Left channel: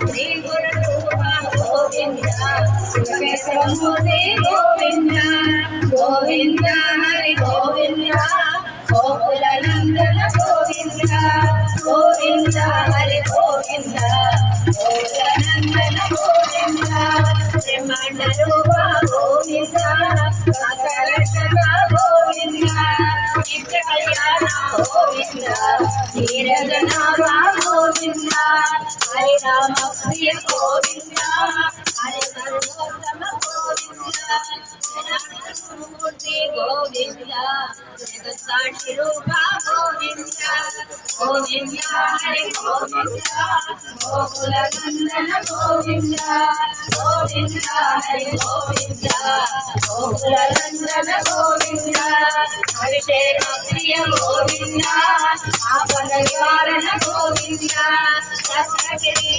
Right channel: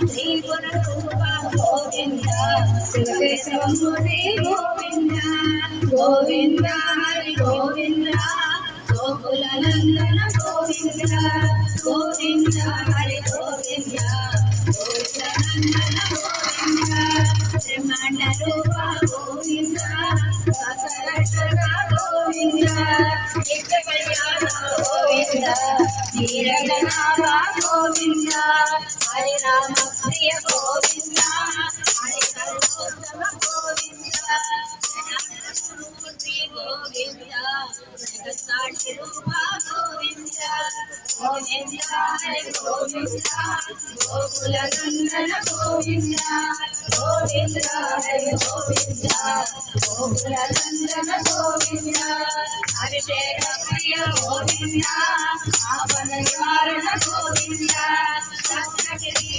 శ్రీ గురురూప గోవింద శివకేశవమూర్తి గోవింద గోవింద హరి గోవింద గోకుల నందన గోవింద గోవింద హరి గోవింద గోకుల నందన గోవింద బ్రహ్మాండ రూప గోవింద సకలశక గోవింద నిత్య కళ్యాణ గోవింద నీరజనాభ గోవింద హరి రామ ప్రియ గోవింద హరి సర్వోత్తమ గోవింద జనార్దనమూర్తి గోవింద జగత్సాక్షి రూప గోవింద గోవింద హరి గోవింద గోకుల నందన గోవింద గోవింద హరి గోవింద గోకుల నందన గోవింద అభిషేక ప్రియ గోవింద ఆపద నివారణ గోవింద సప్తగిరి